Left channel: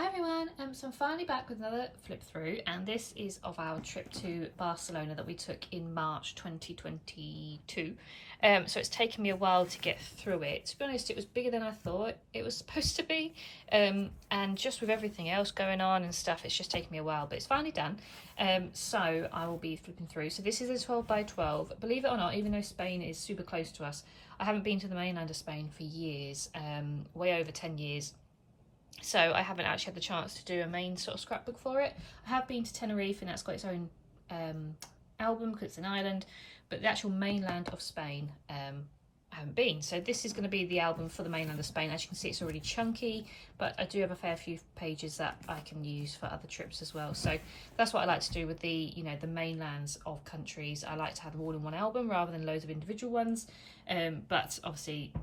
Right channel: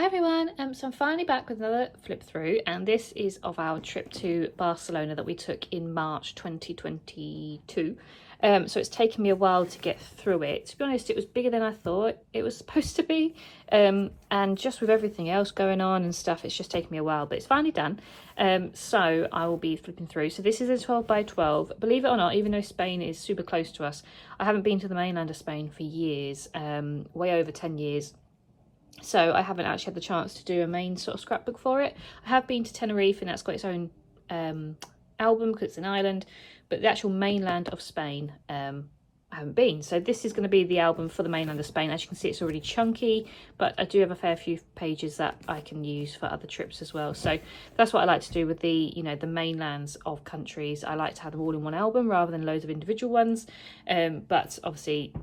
Hi everyone, so I'm finally back with another flip through, and this is of our trip to Barcelona that we took in March 2022. So it's taken me a while to get through it. To be honest, it was bigger than I thought it was supposed to be, and just with everything else going on and stuff, it's just taken me a while, but it's finally done. So I will be flipping through. So this is a 12 by 12. Believe it or not, even though Spain is super close to us, I haven't been to the mainland of Spain for years, way over 10 years. So I haven't actually had the chance to do a main sort of scrapbook for it. I have been to Tenerife, and that's got its own album because it's an island, but the actual mainland of Spain, I haven't been. So this is going to be the album for the mainland of Spain. As you can see, it's already chunky, but I do have a fair few pages that I can use for other trips as well. So that's what I like to do with the, you know, the mainlands of countries. I like to have them all in one album rather than loads of individual ones, but obviously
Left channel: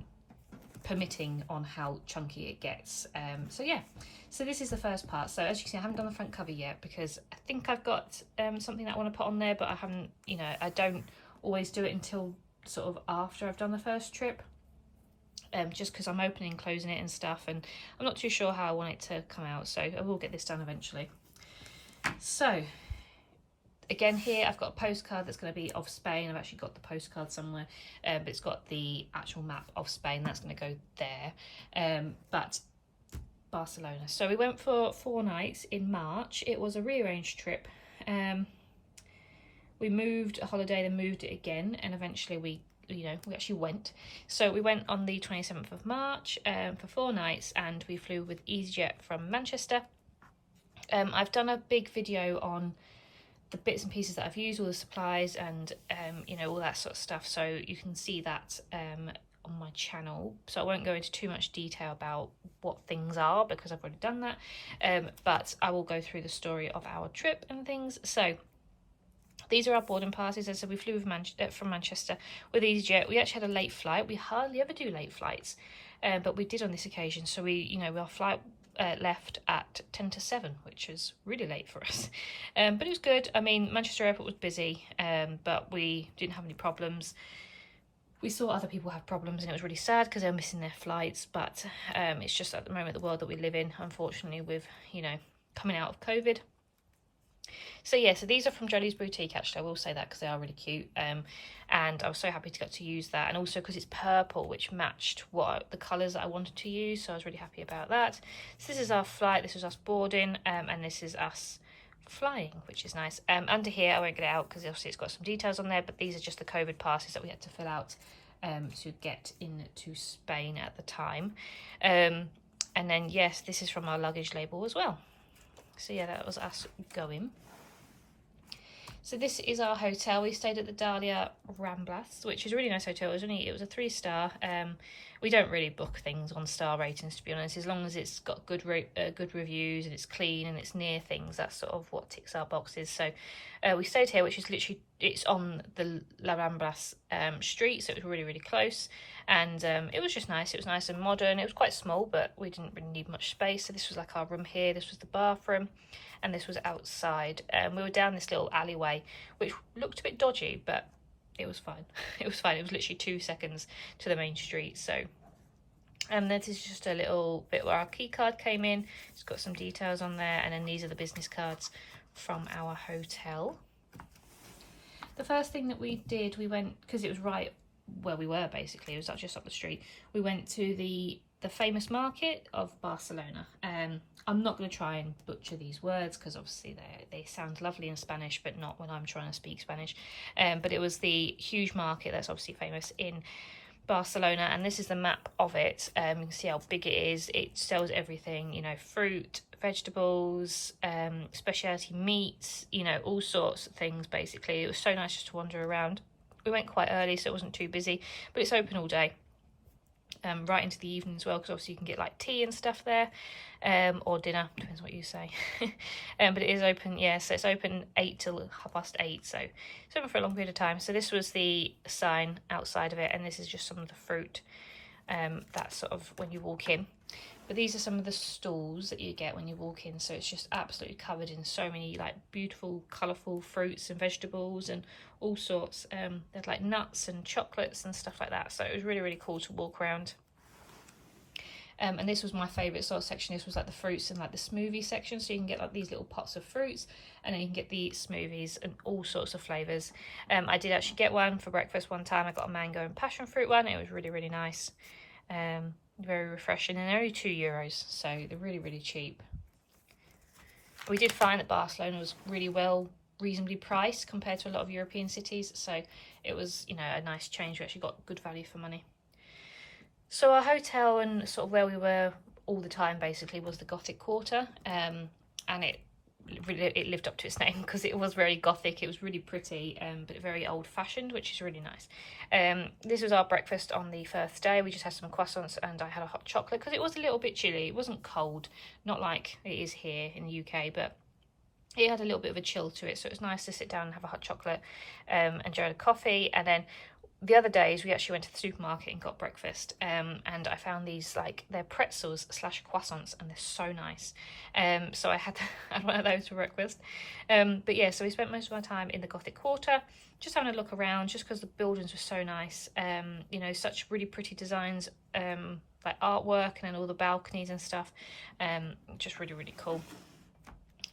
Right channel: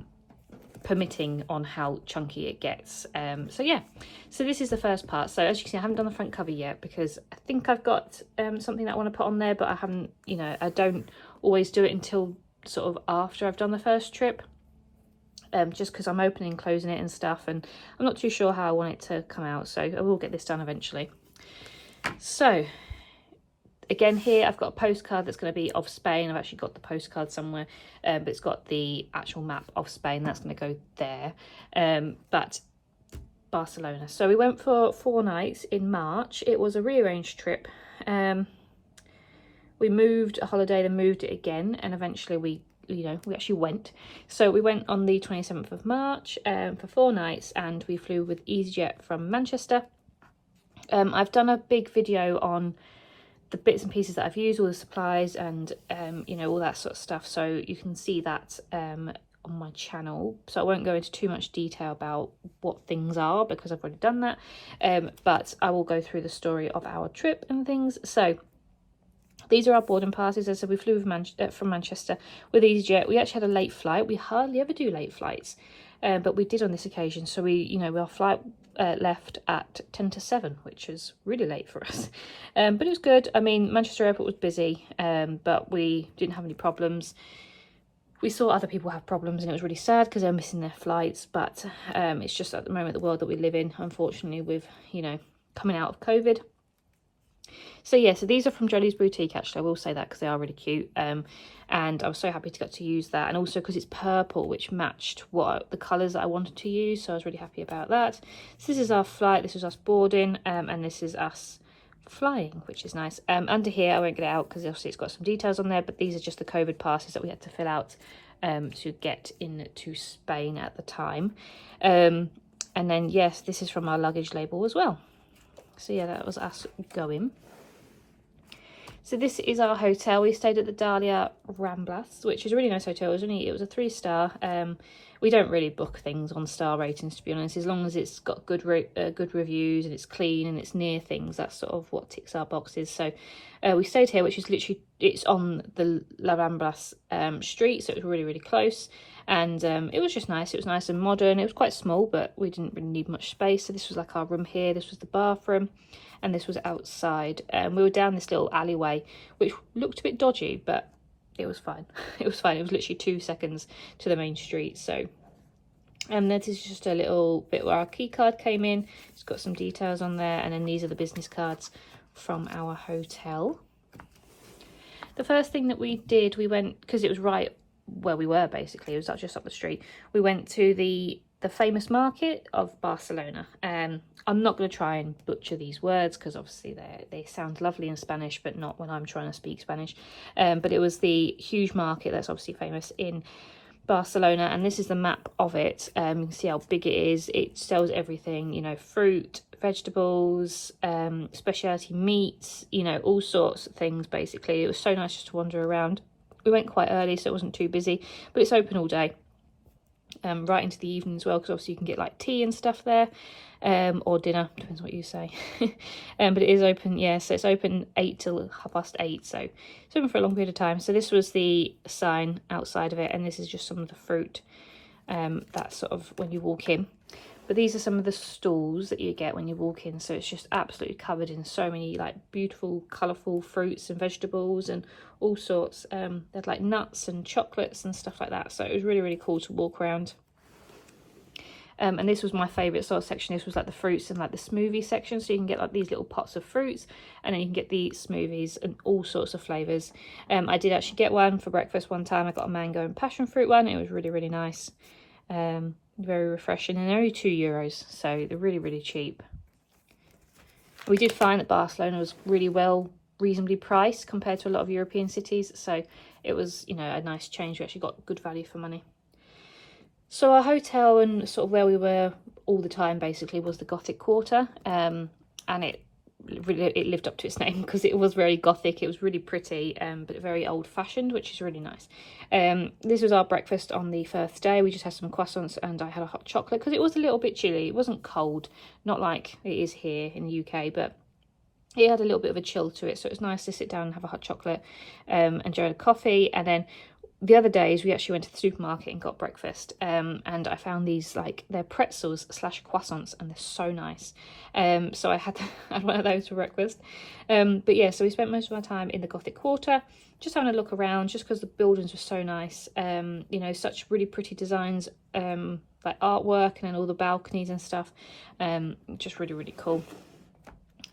permitting on how chunky it gets. So yeah, so this is the first part. So as you can see, I haven't done the front cover yet because I think I've got something that I want to put on there, but I haven't, you know, I don't always do it until sort of after I've done the first trip, just because I'm opening and closing it and stuff, and I'm not too sure how I want it to come out. So I will get this done eventually. So again, here I've got a postcard that's going to be of Spain. I've actually got the postcard somewhere, but it's got the actual map of Spain. That's going to go there. But Barcelona. So we went for 4 nights in March. It was a rearranged trip. We moved a holiday, then moved it again, and eventually we actually went. So we went on the 27th of March for 4 nights, and we flew with EasyJet from Manchester. I've done a big video on the bits and pieces that I've used, all the supplies and you know, all that sort of stuff, so you can see that on my channel. So I won't go into too much detail about what things are because I've already done that, but I will go through the story of our trip and things. So these are our boarding passes. As I said, we flew from Manchester with EasyJet. We actually had a late flight. We hardly ever do late flights, but we did on this occasion. So our flight left at 10 to 7, which is really late for us, but it was good. I mean, Manchester airport was busy, but we didn't have any problems. We saw other people have problems, and it was really sad because they were missing their flights, but it's just at the moment the world that we live in, unfortunately, with, you know, coming out of COVID. So yeah, so these are from Jolie's Boutique, actually. I will say that because they are really cute, and I was so happy to get to use that, and also because it's purple, which matched what the colours that I wanted to use, so I was really happy about that. So this is our flight, this is us boarding, and this is us flying, which is nice. Under here, I won't get it out because obviously it's got some details on there, but these are just the COVID passes that we had to fill out to get into Spain at the time. And then yes, this is from our luggage label as well. So yeah, that was us going. So this is our hotel. We stayed at the Rambla, which is a really nice hotel. It was a 3-star. We don't really book things on star ratings, to be honest. As long as it's got good reviews and it's clean and it's near things, that's sort of what ticks our boxes. So we stayed here, which is literally, it's on the La Rambla street, so it was really, really close. And it was just nice. It was nice and modern. It was quite small, but we didn't really need much space. So this was like our room here. This was the bathroom, and this was outside. We were down this little alleyway, which looked a bit dodgy, but it was fine. It was fine. It was literally 2 seconds to the main street. So, and this is just a little bit where our key card came in. It's got some details on there, and then these are the business cards from our hotel. The first thing that we did, we went, because it was right where we were, basically, it was just up the street. We went to the famous market of Barcelona. I'm not going to try and butcher these words because obviously they sound lovely in Spanish, but not when I'm trying to speak Spanish. But it was the huge market that's obviously famous in Barcelona, and this is the map of it. You can see how big it is. It sells everything, you know, fruit, vegetables, specialty meats, you know, all sorts of things. Basically, it was so nice just to wander around. We went quite early, so it wasn't too busy, but it's open all day, right into the evening as well, because obviously you can get like tea and stuff there, or dinner, depends what you say. But it is open, yeah, so it's open 8 till 8:30, so it's open for a long period of time. So this was the sign outside of it, and this is just some of the fruit that's sort of when you walk in. But these are some of the stalls that you get when you walk in. So it's just absolutely covered in so many like beautiful, colourful fruits and vegetables and all sorts. They had like nuts and chocolates and stuff like that. So it was really, really cool to walk around. And this was my favourite sort of section. This was like the fruits and like the smoothie section. So you can get like these little pots of fruits, and then you can get the smoothies and all sorts of flavours. I did actually get one for breakfast one time. I got a mango and passion fruit one. It was really, really nice. Very refreshing, and they're only €2, so they're really, really cheap. We did find that Barcelona was really reasonably priced compared to a lot of European cities. So it was, you know, a nice change. We actually got good value for money. So our hotel and sort of where we were all the time basically was the Gothic Quarter, and it lived up to its name because it was very Gothic. It was really pretty, but very old-fashioned, which is really nice. This was our breakfast on the first day. We just had some croissants and I had a hot chocolate because it was a little bit chilly. It wasn't cold, not like it is here in the UK, but it had a little bit of a chill to it, so it was nice to sit down and have a hot chocolate, enjoy a coffee. And then the other days we actually went to the supermarket and got breakfast, and I found these, like, they're pretzels slash croissants, and they're so nice. So I had one of those for breakfast. But yeah, so we spent most of our time in the Gothic Quarter, just having a look around, just because the buildings were so nice. You know, such really pretty designs, like artwork, and then all the balconies and stuff. Just really, really cool.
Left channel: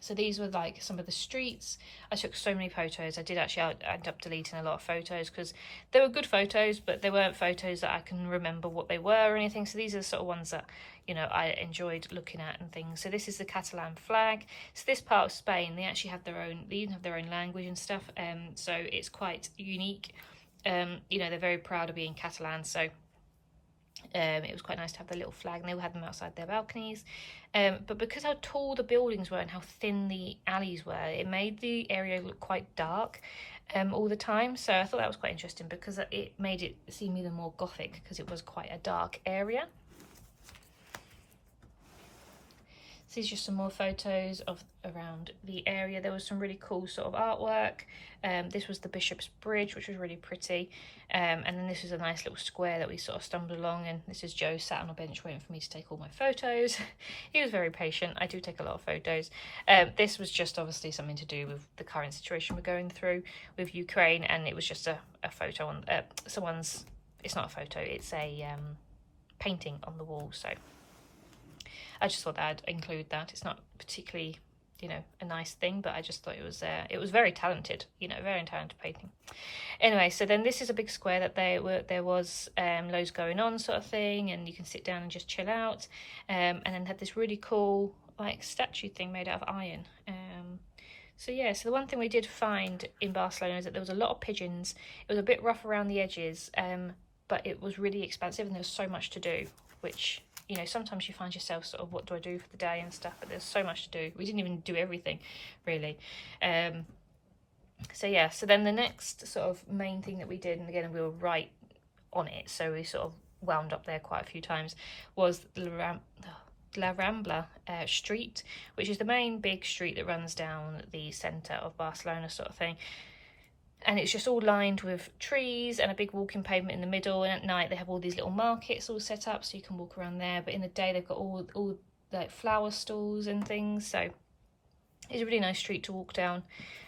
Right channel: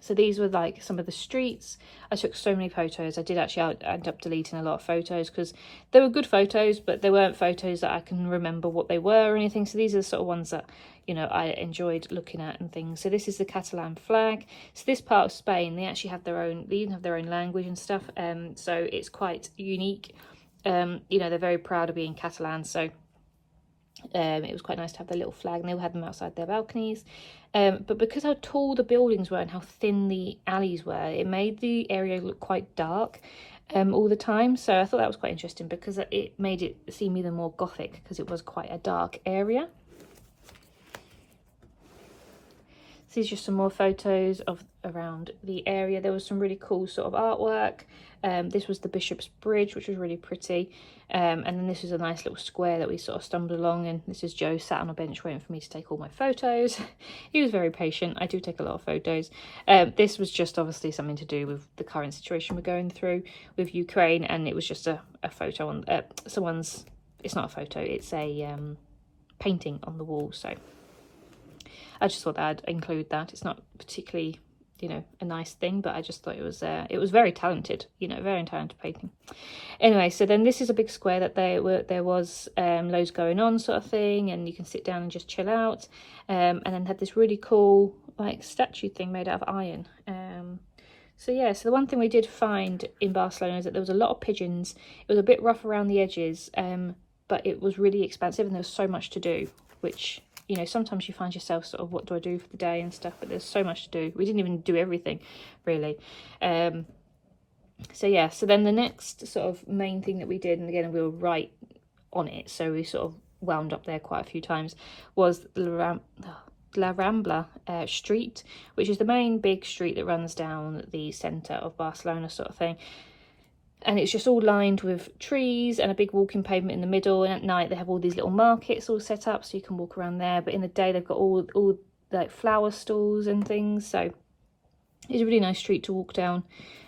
So these were like some of the streets. I took so many photos. I did actually end up deleting a lot of photos because they were good photos, but they weren't photos that I can remember what they were or anything. So these are the sort of ones that, you know, I enjoyed looking at and things. So this is the Catalan flag. So this part of Spain, they actually have their own, they even have their own language and stuff. So it's quite unique. You know, they're very proud of being Catalan. So it was quite nice to have their little flag, and they all had them outside their balconies. But because how tall the buildings were and how thin the alleys were, it made the area look quite dark all the time. So I thought that was quite interesting because it made it seem even more Gothic because it was quite a dark area. So these are just some more photos of around the area. There was some really cool sort of artwork. This was the Bishop's Bridge, which was really pretty. And then this is a nice little square that we sort of stumbled along, and this is Joe sat on a bench waiting for me to take all my photos. He was very patient. I do take a lot of photos. This was just obviously something to do with the current situation we're going through with Ukraine, and it was just a photo on someone's, it's not a photo, it's a painting on the wall. So I just thought that I'd include that. It's not particularly, you know, a nice thing, but I just thought it was very talented, you know, very talented painting. Anyway, so then this is a big square that there was loads going on sort of thing, and you can sit down and just chill out, and then had this really cool like statue thing made out of iron. So yeah, so the one thing we did find in Barcelona is that there was a lot of pigeons. It was a bit rough around the edges, but it was really expansive, and there was so much to do, which, you know, sometimes you find yourself sort of, what do I do for the day and stuff, but there's so much to do. We didn't even do everything really. So yeah, so then the next sort of main thing that we did, and again we were right on it, so we sort of wound up there quite a few times, was La Rambla street, which is the main big street that runs down the centre of Barcelona sort of thing. And it's just all lined with trees and a big walking pavement in the middle, and at night they have all these little markets all set up so you can walk around there, but in the day they've got all like flower stalls and things. So it's a really nice street to walk down,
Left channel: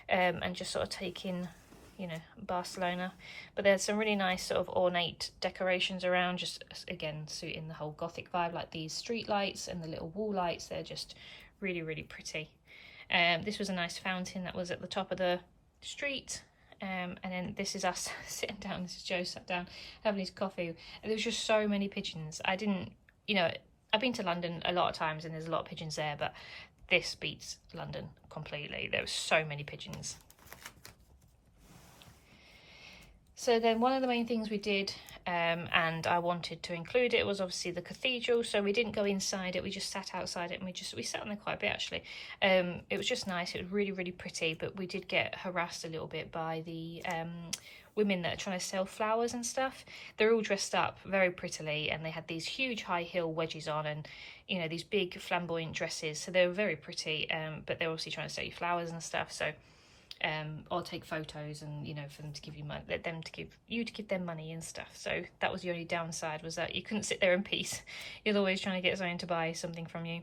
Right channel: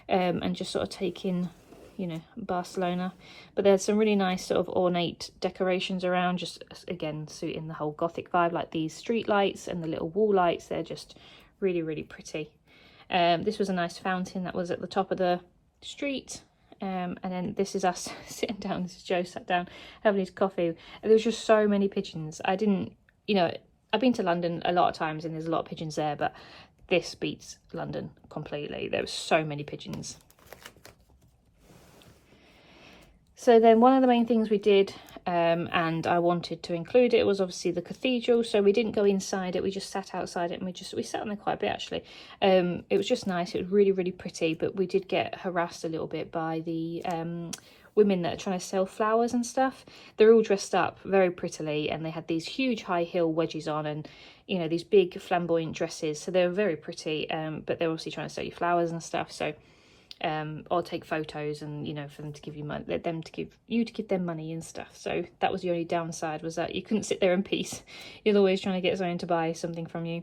and just sort of take in, you know, Barcelona. But there's some really nice sort of ornate decorations around, just again suiting the whole Gothic vibe, like these street lights and the little wall lights. They're just really, really pretty. This was a nice fountain that was at the top of the street. And then this is us sitting down. This is Joe sat down having his coffee. There was just so many pigeons. I didn't, you know, I've been to London a lot of times and there's a lot of pigeons there, but this beats London completely. There were so many pigeons. So then one of the main things we did, and I wanted to include it, was obviously the cathedral. So we didn't go inside it, we just sat outside it, and we sat on there quite a bit actually. It was just nice, it was really, really pretty, but we did get harassed a little bit by the women that are trying to sell flowers and stuff. They're all dressed up very prettily, and they had these huge high heel wedges on, and, you know, these big flamboyant dresses. So they were very pretty, but they're obviously trying to sell you flowers and stuff. So or take photos, and, you know, for them to give you money, to give them money and stuff. So that was the only downside, was that you couldn't sit there in peace. You're always trying to get someone to buy something from you.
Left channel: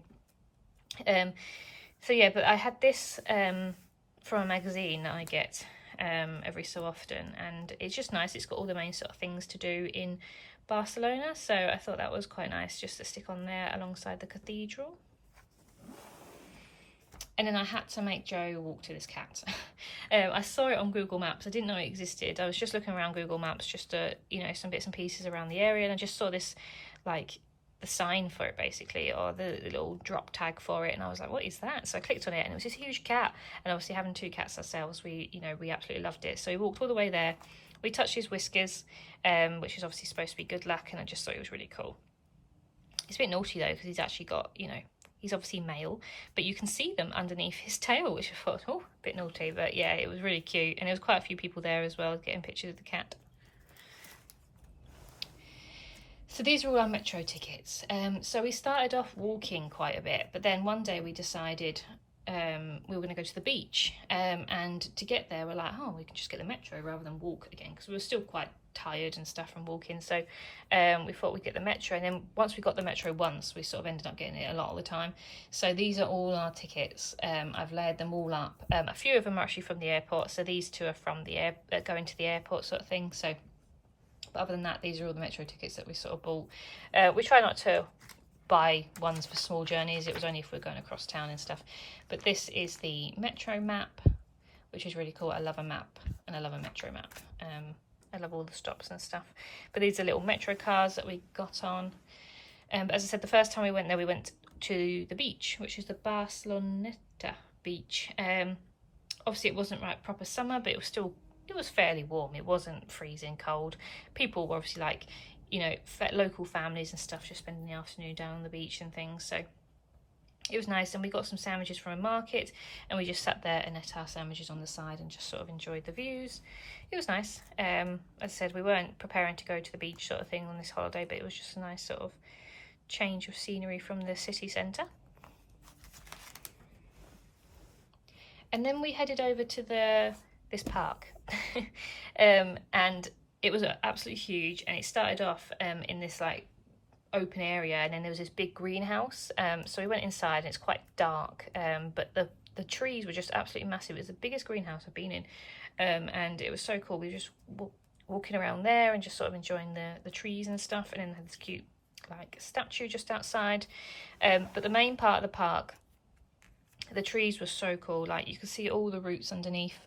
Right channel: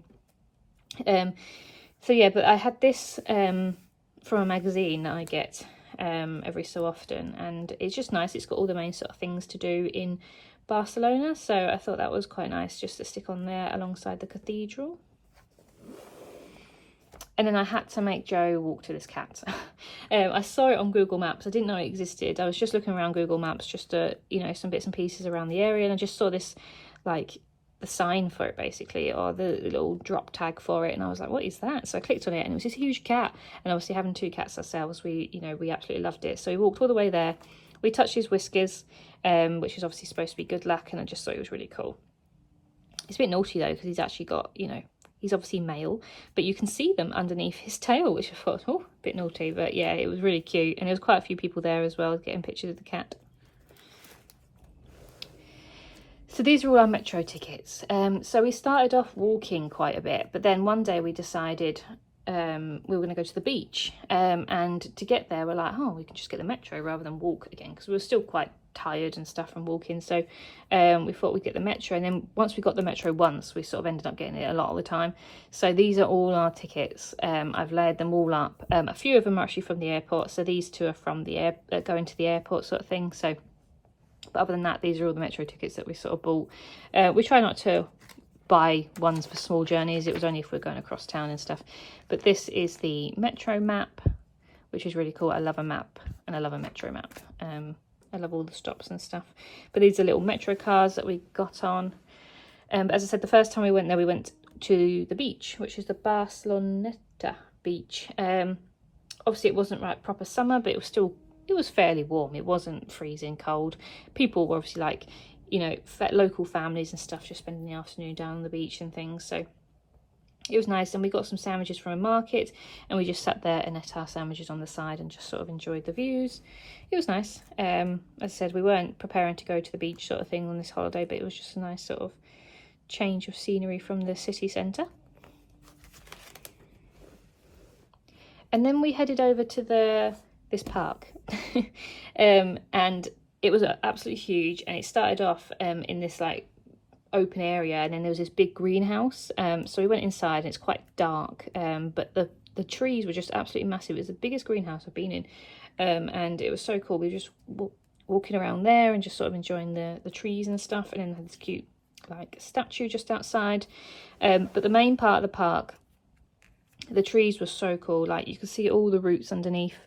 So yeah, but I had this from a magazine that I get every so often, and it's just nice. It's got all the main sort of things to do in Barcelona, so I thought that was quite nice just to stick on there alongside the cathedral. And then I had to make Joe walk to this cat. I saw it on Google Maps. I didn't know it existed. I was just looking around Google Maps just to, you know, some bits and pieces around the area, and I just saw this, like, the sign for it basically, or the little drop tag for it, and I was like, what is that? So I clicked on it, and it was this huge cat. And obviously, having 2 cats ourselves, we absolutely loved it. So we walked all the way there. We touched his whiskers, which is obviously supposed to be good luck, and I just thought it was really cool. It's a bit naughty though, because he's actually got, you know, he's obviously male, but you can see them underneath his tail, which I thought, oh, a bit naughty. But yeah, it was really cute, and there was quite a few people there as well getting pictures of the cat. So these are all our metro tickets. So we started off walking quite a bit, but then one day we decided we were going to go to the beach, and to get there we're like, oh, we can just get the metro rather than walk again, because we were still quite tired and stuff from walking. So we thought we'd get the metro, and then once we got the metro once, we sort of ended up getting it a lot of the time. So these are all our tickets. I've layered them all up. A few of them are actually from the airport, so these 2 are from the going to the airport sort of thing. So, but other than that, these are all the metro tickets that we sort of bought. We try not to buy ones for small journeys. It was only if we're going across town and stuff. But this is the metro map, which is really cool. I love a map, and I love a metro map. I love all the stops and stuff. But these are little metro cars that we got on. As I said, the first time we went there, we went to the beach, which is the Barcelona beach. Obviously, it wasn't like proper summer, but it was fairly warm. It wasn't freezing cold. People were obviously like, you know, local families and stuff just spending the afternoon down on the beach and things. So it was nice, and we got some sandwiches from a market, and we just sat there and ate our sandwiches on the side and just sort of enjoyed the views. It was nice. As I said, we weren't preparing to go to the beach sort of thing on this holiday, but it was just a nice sort of change of scenery from the city centre. And then we headed over to this park, and it was absolutely huge, and it started off in this like open area, and then there was this big greenhouse. So we went inside, and it's quite dark, but the trees were just absolutely massive. It was the biggest greenhouse I've been in, and it was so cool. We were just walking around there and just sort of enjoying the trees and stuff, and then they had this cute like statue just outside. But the main part of the park, the trees were so cool. Like, you could see all the roots underneath,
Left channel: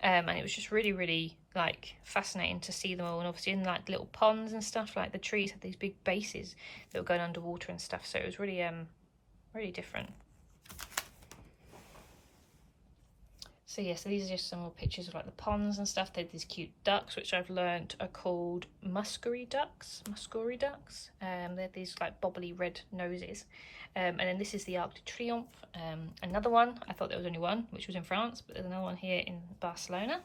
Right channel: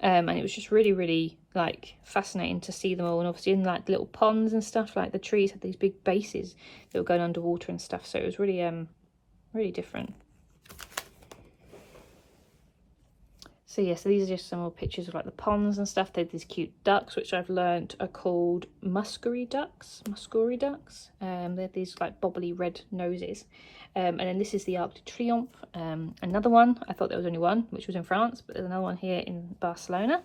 and it was just really, really like fascinating to see them all. And obviously in like little ponds and stuff, like the trees had these big bases that were going underwater and stuff, so it was really really different. So yeah, so these are just some more pictures of like the ponds and stuff. They had these cute ducks, which I've learned are called muscary ducks. They had these like bobbly red noses. And then this is the Arc de Triomphe, another one. I thought there was only one, which was in France, but there's another one here in Barcelona.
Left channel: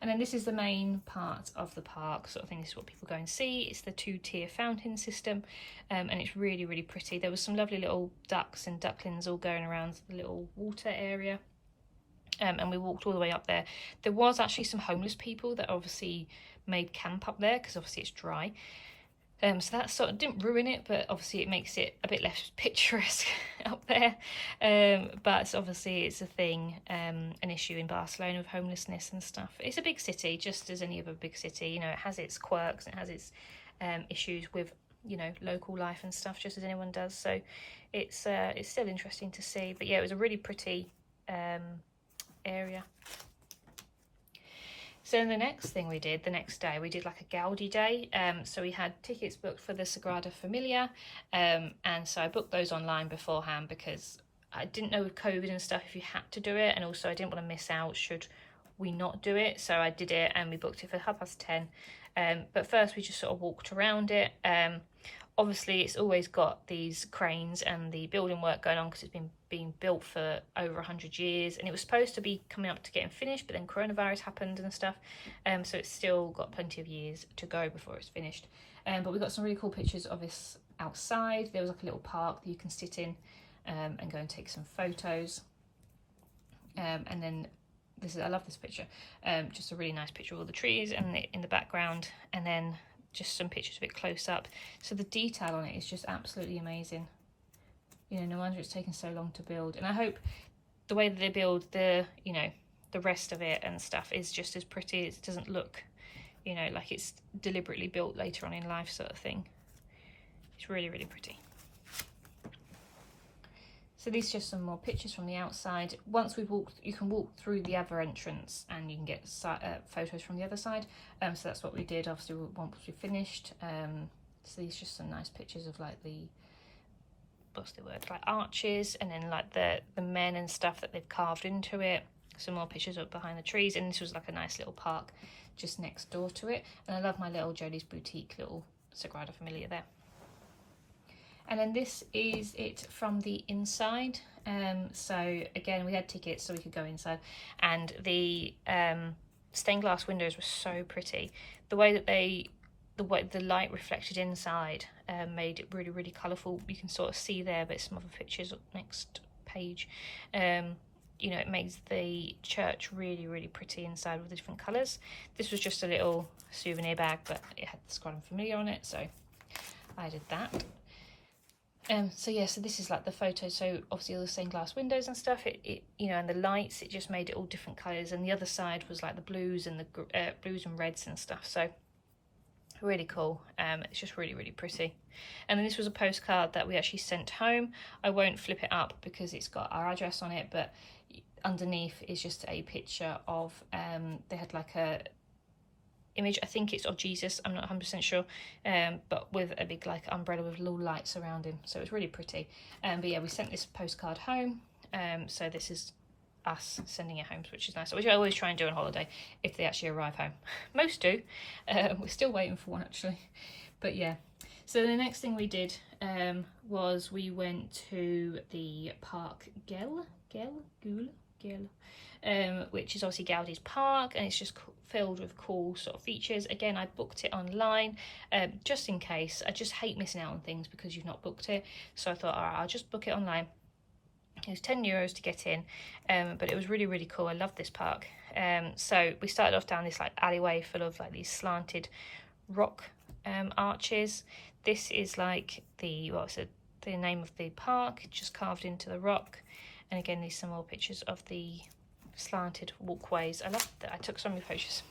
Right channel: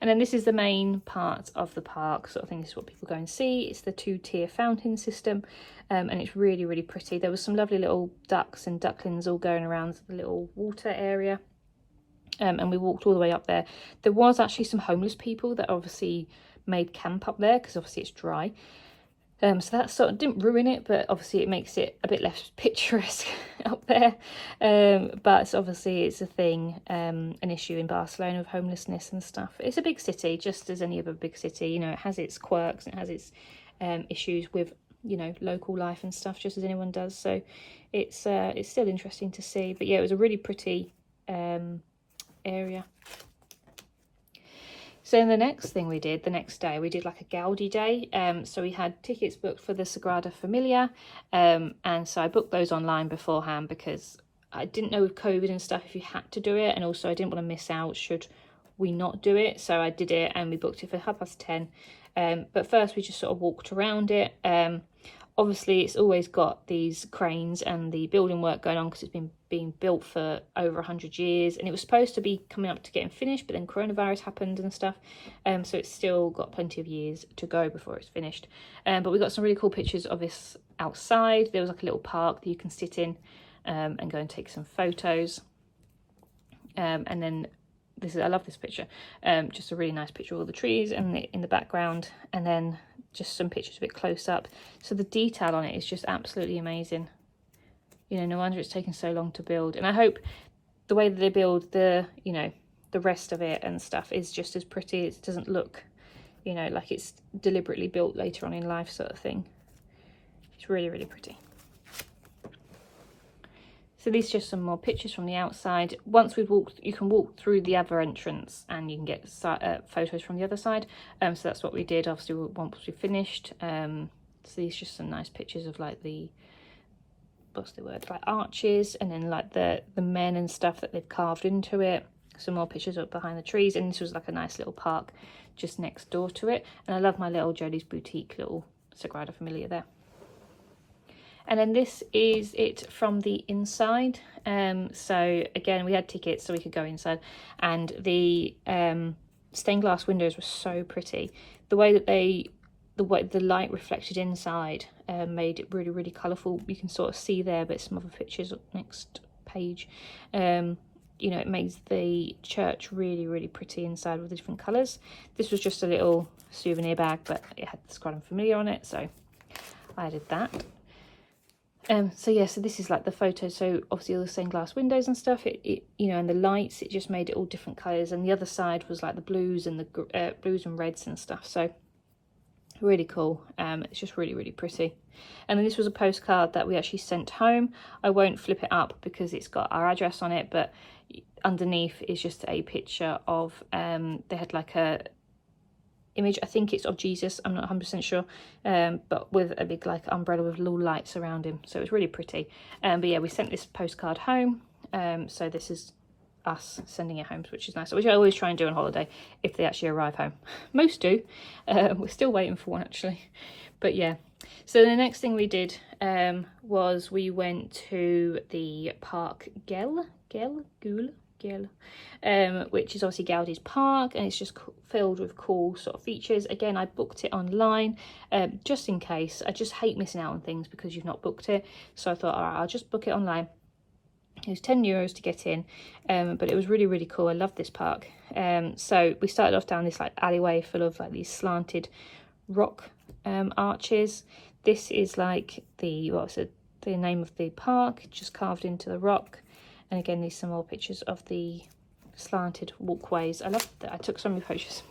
And then this is the main part of the park, sort of thing. This is what people go and see. It's the 2-tier fountain system, and it's really, really pretty. There was some lovely little ducks and ducklings all going around the little water area. And we walked all the way up there. There was actually some homeless people that obviously made camp up there, because obviously it's dry. So that sort of didn't ruin it, but obviously it makes it a bit less picturesque up there. But obviously it's a thing, an issue in Barcelona with homelessness and stuff. It's a big city, just as any other big city. You know, it has its quirks, it has its issues with, you know, local life and stuff, just as anyone does. So it's still interesting to see. But yeah, it was a really pretty area. So the next thing we did, the next day, we did like a Gaudi day. So we had tickets booked for the Sagrada Familia, and so I booked those online beforehand, because I didn't know with COVID and stuff if you had to do it, and also I didn't want to miss out should we not do it. So I did it, and we booked it for 10:30. But first we just sort of walked around it. Obviously it's always got these cranes and the building work going on, because it's been being built for over 100 years, and it was supposed to be coming up to getting finished, but then coronavirus happened and stuff, so it's still got plenty of years to go before it's finished. But we got some really cool pictures of this outside. There was like a little park that you can sit in and go and take some photos. And then I love this picture, just a really nice picture of all the trees and in the background, and then just some pictures a bit close up. So the detail on it is just absolutely amazing. You know, no wonder it's taken so long to build. And I hope the way that they build the rest of it and stuff is just as pretty. It doesn't look, you know, like it's deliberately built later on in life sort of thing. It's really, really pretty. So these are just some more pictures from the outside. Once we've walked, you can walk through the other entrance and you can get photos from the other side. So that's what we did, obviously, once we finished. So these are just some nice pictures of like the, what's the word, like arches, and then like the men and stuff that they've carved into it. Some more pictures up behind the trees, and this was like a nice little park just next door to it. And I love my little Jodie's Boutique little Sagrada Familia there. And then this is it from the inside. So again, we had tickets so we could go inside, and the stained glass windows were so pretty. The way that the light reflected inside made it really, really colourful. You can sort of see there, but some other pictures up next page. You know, it makes the church really, really pretty inside with the different colours. This was just a little souvenir bag, but it had the Sagrada Familia on it, so I did that. So yeah, so this is like the photo. So obviously all the stained glass windows and stuff, it you know, and the lights, it just made it all different colours. And the other side was like the blues and the blues and reds and stuff. So really cool. It's just really, really pretty. And then this was a postcard that we actually sent home. I won't flip it up because it's got our address on it, but underneath is just a picture of they had like a image, I think it's of Jesus, I'm not 100% sure, but with a big like umbrella with little lights around him, so it was really pretty. But yeah, we sent this postcard home, so this is us sending it home, which is nice, which I always try and do on holiday if they actually arrive home. Most do. We're still waiting for one actually, but yeah. So the next thing we did was we went to the park Guell, which is obviously Gaudi's park, and it's just filled with cool sort of features. Again, I booked it online just in case. I just hate missing out on things because you've not booked it, so I thought, all right, I'll just book it online. It was €10 to get in, but it was really, really cool. I love this park. So we started off down this like alleyway full of like these slanted rock arches. This is like the name of the park, just carved into the rock. And again, these are some more pictures of the slanted walkways. I love that. I took so many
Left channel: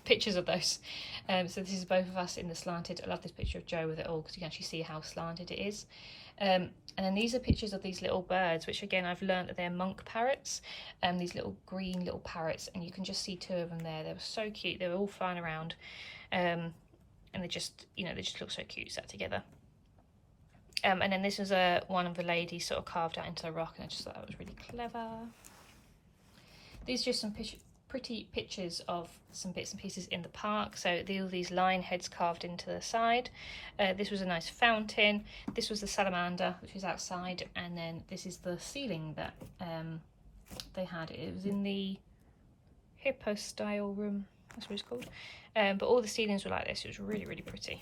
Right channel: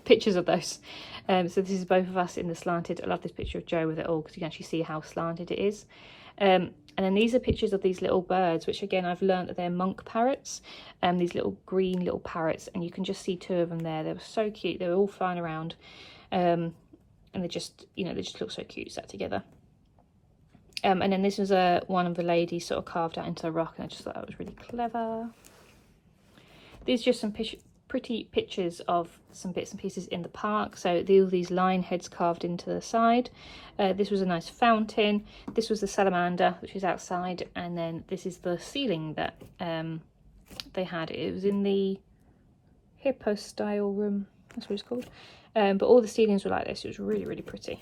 pictures of those. So this is both of us in the slanted. I love this picture of Joe with it all because you can actually see how slanted it is. And then these are pictures of these little birds, which again I've learned that they're monk parrots, and these little green little parrots, and you can just see two of them there. They were so cute. They were all flying around, and they just, you know, they just look so cute sat together. And then this was one of the ladies sort of carved out into the rock, and I just thought that was really clever. These are just some pretty pictures of some bits and pieces in the park. So all these lion heads carved into the side. This was a nice fountain. This was the salamander, which is outside, and then this is the ceiling that they had. It was in the hippo style room, that's what it's called. But all the ceilings were like this. It was really, really pretty.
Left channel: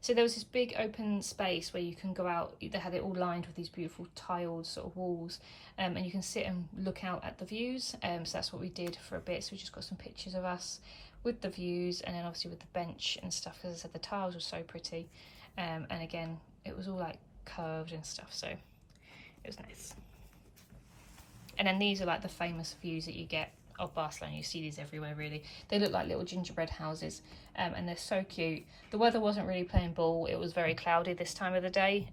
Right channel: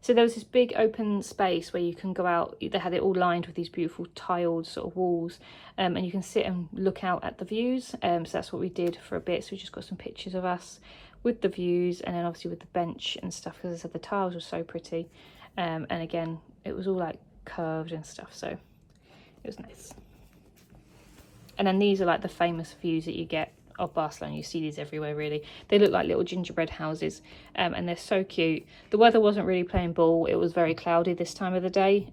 So there was this big open space where you can go out. They had it all lined with these beautiful tiled sort of walls, and you can sit and look out at the views. So that's what we did for a bit. So we just got some pictures of us with the views, and then obviously with the bench and stuff, because as I said, the tiles were so pretty. And again, it was all like curved and stuff, so it was nice. And then these are like the famous views that you get of Barcelona. You see these everywhere really. They look like little gingerbread houses, and they're so cute. The weather wasn't really playing ball. It was very cloudy this time of the day,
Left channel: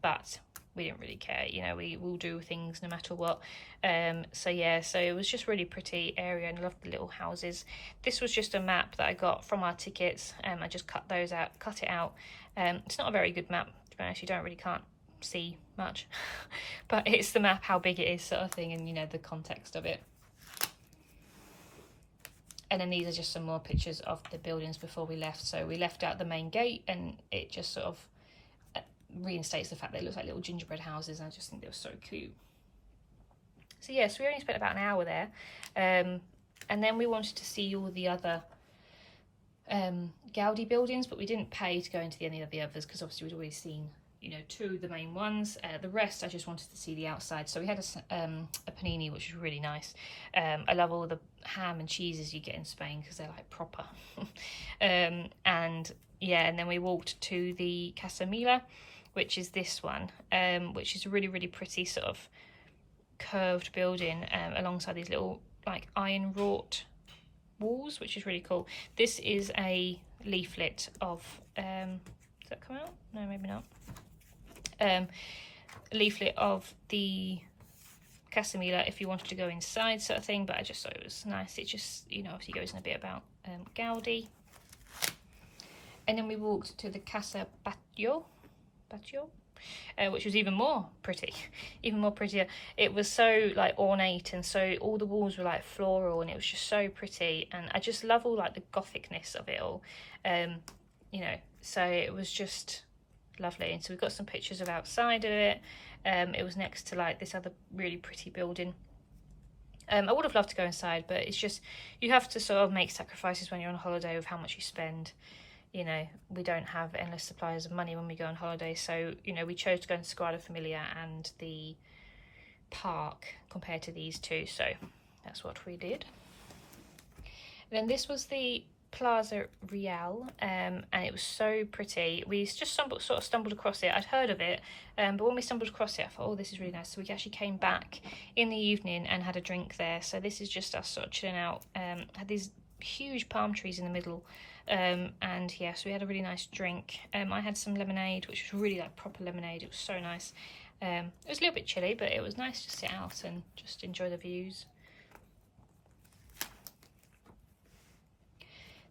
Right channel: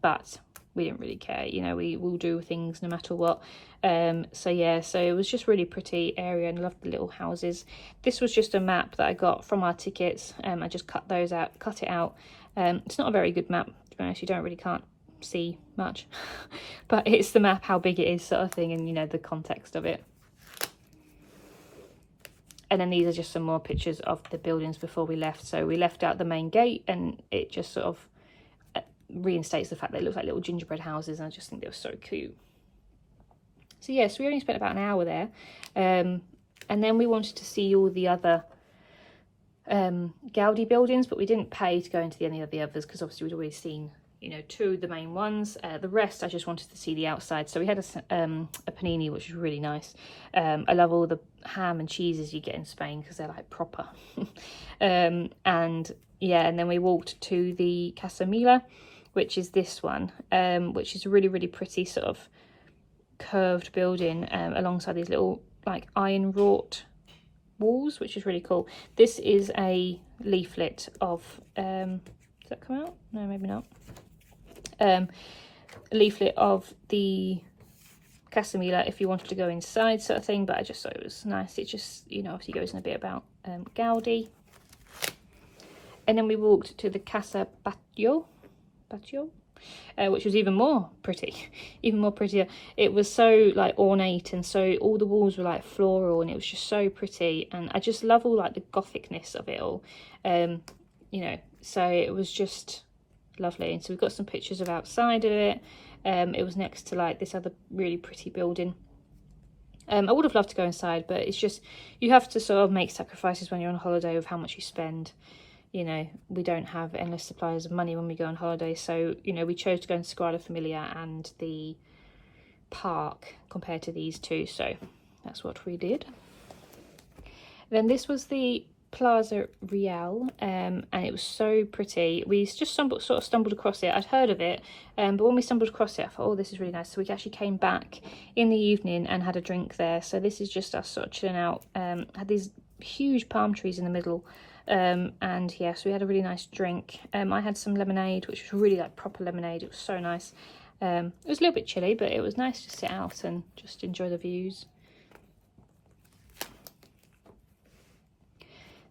but we didn't really care, you know, we will do things no matter what. So yeah, so it was just really pretty area, and I loved the little houses. This was just a map that I got from our tickets. I just cut it out. It's not a very good map, to be honest. You can't see much but it's the map, how big it is sort of thing, and you know, the context of it. And then these are just some more pictures of the buildings before we left. So we left out the main gate, and it just sort of reinstates the fact that it looks like little gingerbread houses, and I just think they were so cute. So yes, we only spent about an hour there, and then we wanted to see all the other Gaudi buildings, but we didn't pay to go into any of the others because obviously we'd already seen, you know, two of the main ones. The rest I just wanted to see the outside. So we had a panini, which was really nice. I love all the ham and cheeses you get in Spain because they're like proper. And yeah, and then we walked to the Casa Mila, which is this one, which is a really, really pretty sort of curved building alongside these little like iron wrought walls, which is really cool. This is a leaflet of, does that come out? No, maybe not. A leaflet of the Casa Mila if you wanted to go inside, sort of thing, but I just thought it was nice. It just, you know, obviously goes in a bit about Gaudi. And then we walked to the Casa Batlló, which was even more pretty, even more prettier. It was so like ornate, and so all the walls were like floral, and it was just so pretty. And I just love all like the gothicness of it all, you know, so it was just lovely. And so we've got some pictures of outside of it. It was next to like this other really pretty building. I would have loved to go inside, but it's just, you have to sort of make sacrifices when you're on holiday with how much you spend. You know, we don't have endless supplies of money when we go on holiday, so, you know, we chose to go into Sagrada Familia and the park compared to these two, so that's what we did. Then this was the Plaza Real, and it was so pretty. We just sort of stumbled across it. I'd heard of it, but when we stumbled across it, I thought, oh, this is really nice. So we actually came back in the evening and had a drink there. So this is just us sort of chilling out. Had these huge palm trees in the middle, and yeah, so we had a really nice drink. I had some lemonade, which was really like proper lemonade. It was so nice. It was a little bit chilly, but it was nice to sit out and just enjoy the views.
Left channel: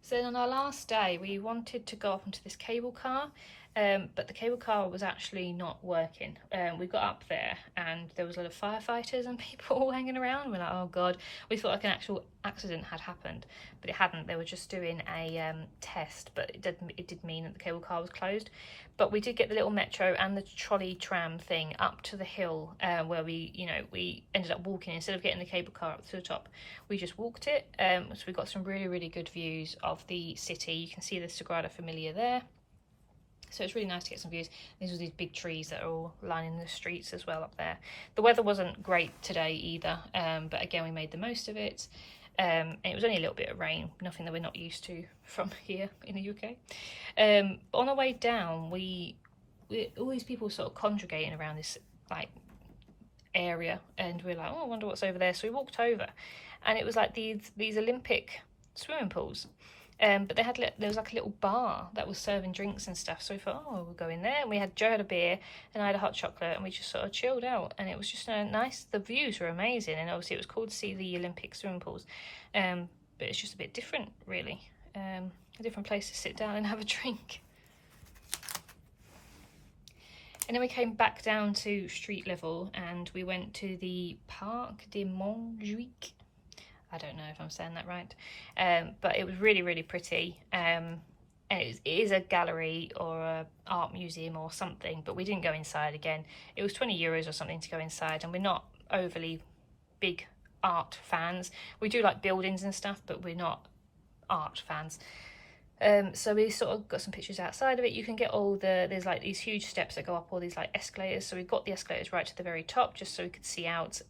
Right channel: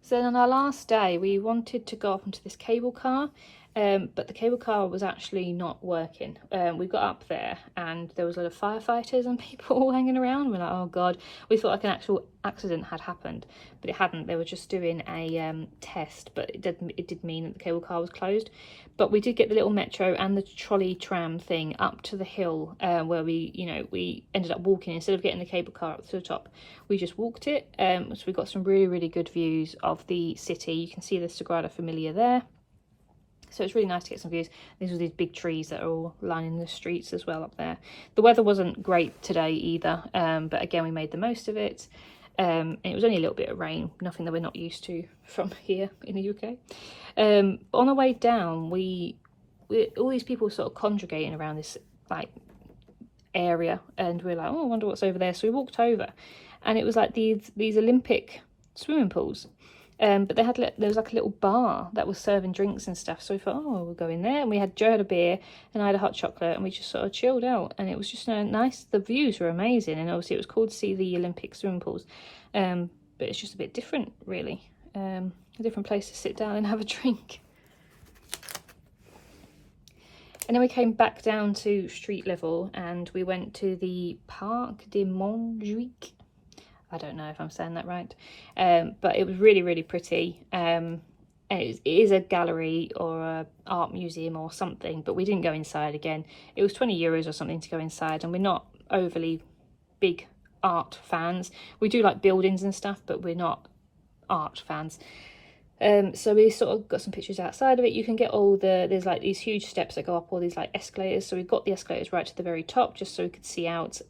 So then on our last day, we wanted to go up into this cable car, but the cable car was actually not working. We got up there and there was a lot of firefighters and people all hanging around. We're like, oh God, we thought like an actual accident had happened, but it hadn't. They were just doing a test, but it did mean that the cable car was closed. But we did get the little metro and the trolley tram thing up to the hill, where we ended up walking. Instead of getting the cable car up to the top, we just walked it. So we got some really good views of the city. You can see the Sagrada Familia there. So it's really nice to get some views. These are these big trees that are all lining the streets as well up there. The weather wasn't great today either, but again, we made the most of it. And it was only a little bit of rain, nothing that we're not used to from here in the UK. On our way down, we all these people were sort of congregating around this like area, and we're like, oh, I wonder what's over there. So we walked over, and it was like these Olympic swimming pools. But there was like a little bar that was serving drinks and stuff. So we thought, oh, we'll go in there. And we had Joe had a beer and I had a hot chocolate, and we just sort of chilled out. And it was just nice. The views were amazing, and obviously it was cool to see the Olympic swimming pools. But it's just a bit different, really. A different place to sit down and have a drink. And then we came back down to street level, and we went to the Parc de Montjuic. I don't know if I'm saying that right, but it was really pretty. And it is a gallery or a art museum or something, but we didn't go inside again. It was 20 euros or something to go inside, and we're not overly big art fans. We do like buildings and stuff, but we're not art fans. So we sort of got some pictures outside of it. You can get there's like these huge steps that go up all these like escalators. So we've got the escalators right to the very top just so we could see out.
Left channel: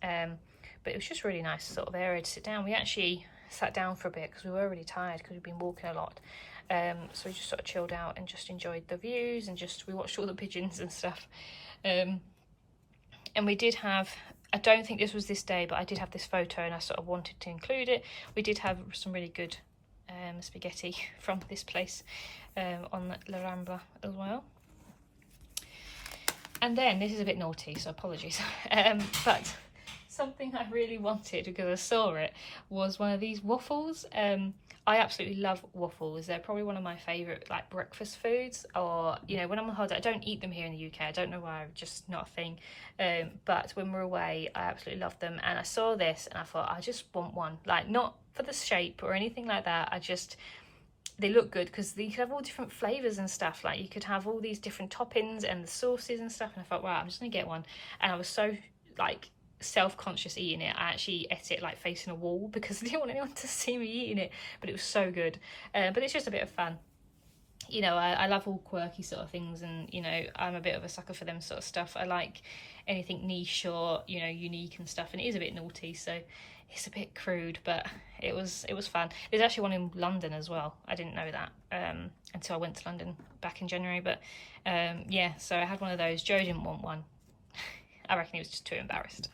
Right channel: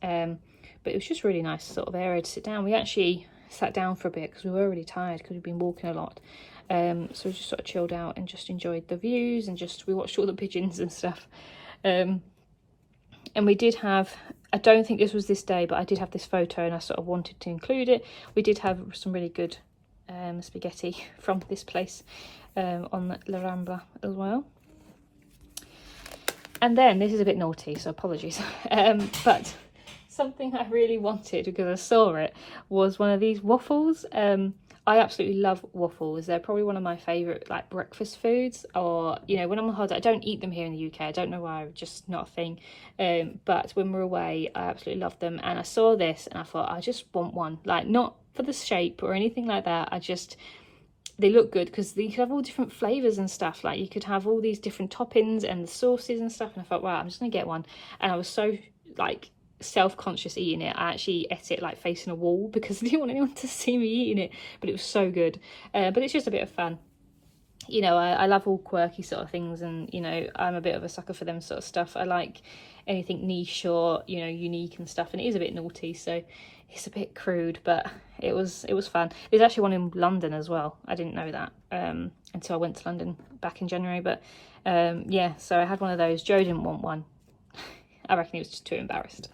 But it was just really nice sort of area to sit down. We actually sat down for a bit because we were really tired because we've been walking a lot. So we just sort of chilled out and just enjoyed the views, and we watched all the pigeons and stuff. And we did have, I don't think this was this day, but I did have this photo and I sort of wanted to include it. We did have some really good spaghetti from this place on La Rambla as well. And then, this is a bit naughty, so apologies, but something I really wanted because I saw it was one of these waffles. I absolutely love waffles. They're probably one of my favourite like breakfast foods, or you know, when I'm on holiday. I don't eat them here in the UK. I don't know why, just not a thing. But when we're away, I absolutely love them. And I saw this and I thought, I just want one. Like, not for the shape or anything like that. They look good because you could have all different flavours and stuff. Like, you could have all these different toppings and the sauces and stuff. And I thought, wow, I'm just gonna get one. And I was so like self-conscious eating it. I actually ate it like facing a wall because I didn't want anyone to see me eating it, but it was so good. But it's just a bit of fun, you know. I love all quirky sort of things, and you know, I'm a bit of a sucker for them sort of stuff. I like anything niche or, you know, unique and stuff, and it is a bit naughty, so it's a bit crude, but it was fun. There's actually one in London as well. I didn't know that until I went to London back in January, but yeah, so I had one of those. Joe didn't want one. I reckon he was just too embarrassed.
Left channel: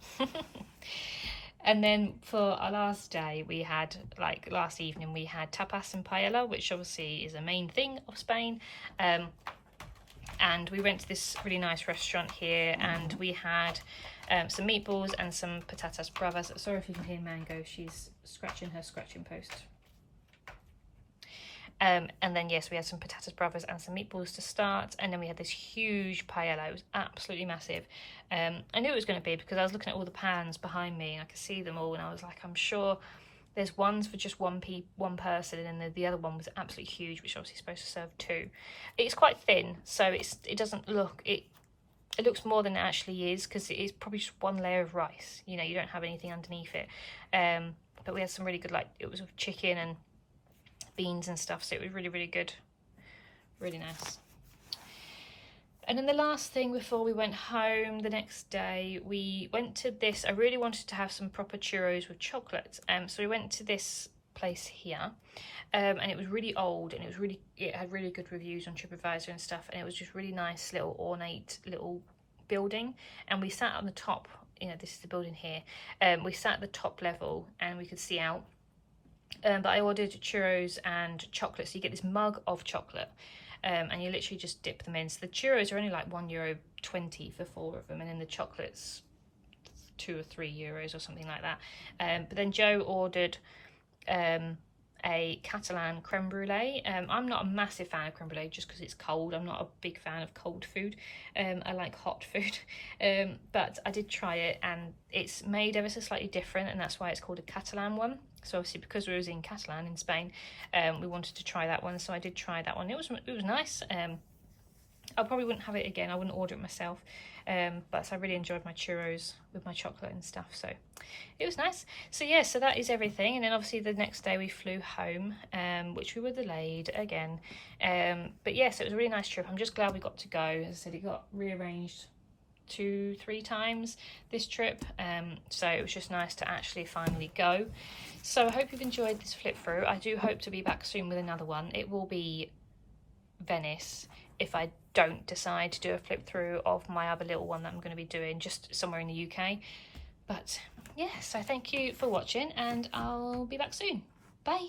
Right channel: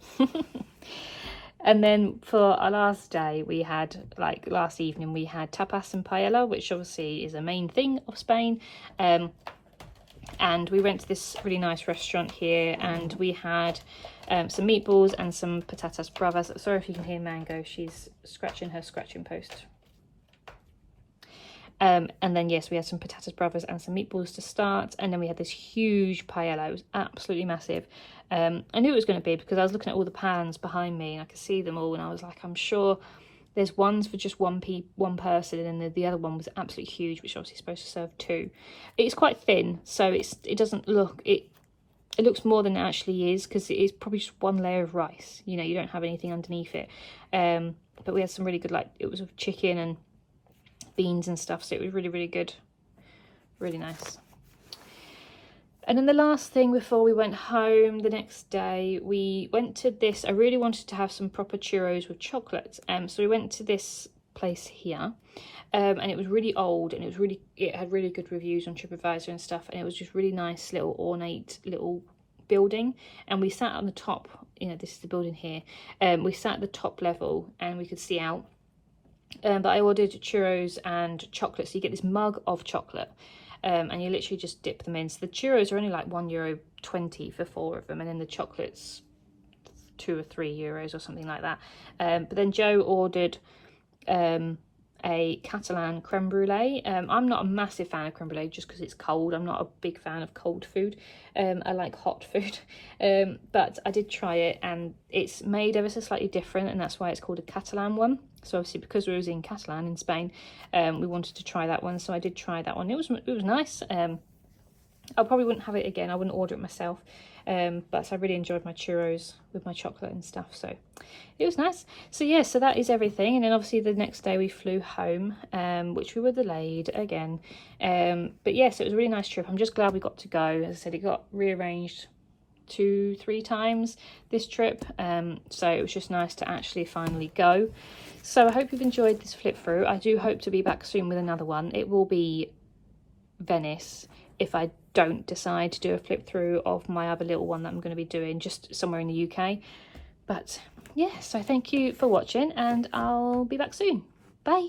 And then for our last day, we had, like last evening, we had tapas and paella, which obviously is a main thing of Spain. And we went to this really nice restaurant here, and we had some meatballs and some patatas bravas. Sorry if you can hear Mango, she's scratching her scratching post. And then yes, we had some patatas bravas and some meatballs to start, and then we had this huge paella. It was absolutely massive. I knew it was going to be because I was looking at all the pans behind me and I could see them all, and I was like, I'm sure there's ones for just one person, and then the other one was absolutely huge, which obviously supposed to serve 2. It's quite thin, so it doesn't look, it looks more than it actually is, because it is probably just one layer of rice, you know, you don't have anything underneath it. But we had some really good, like, it was with chicken and beans and stuff, so it was really, really good, really nice. And then the last thing before we went home the next day, we went to this, I really wanted to have some proper churros with chocolate, so we went to this place here, and it was really old, and it had really good reviews on TripAdvisor and stuff, and it was just really nice little ornate little building, and we sat on the top, you know, this is the building here, we sat at the top level and we could see out, but I ordered churros and chocolate, so you get this mug of chocolate. And you literally just dip them in. So the churros are only like €1.20 for 4 of them, and then the chocolates €2 or €3 or something like that. But then Joe ordered a Catalan creme brulee. I'm not a massive fan of creme brulee just because it's cold. I'm not a big fan of cold food. I like hot food. But I did try it, and it's made ever so slightly different, and that's why it's called a Catalan one. So obviously because we was in Catalan in Spain, we wanted to try that one, so I did try that one. It was nice. I probably wouldn't have it again. I wouldn't order it myself, but I really enjoyed my churros with my chocolate and stuff, so it was nice. So yeah, so that is everything. And then obviously the next day we flew home, which we were delayed again, but yes, it was a really nice trip. I'm just glad we got to go. As I said, it got rearranged 2-3 times this trip, so it was just nice to actually finally go. So I hope you've enjoyed this flip through. I do hope to be back soon with another one. It will be Venice if I don't decide to do a flip through of my other little one that I'm going to be doing just somewhere in the UK. But yeah, so thank you for watching, and I'll be back soon. Bye.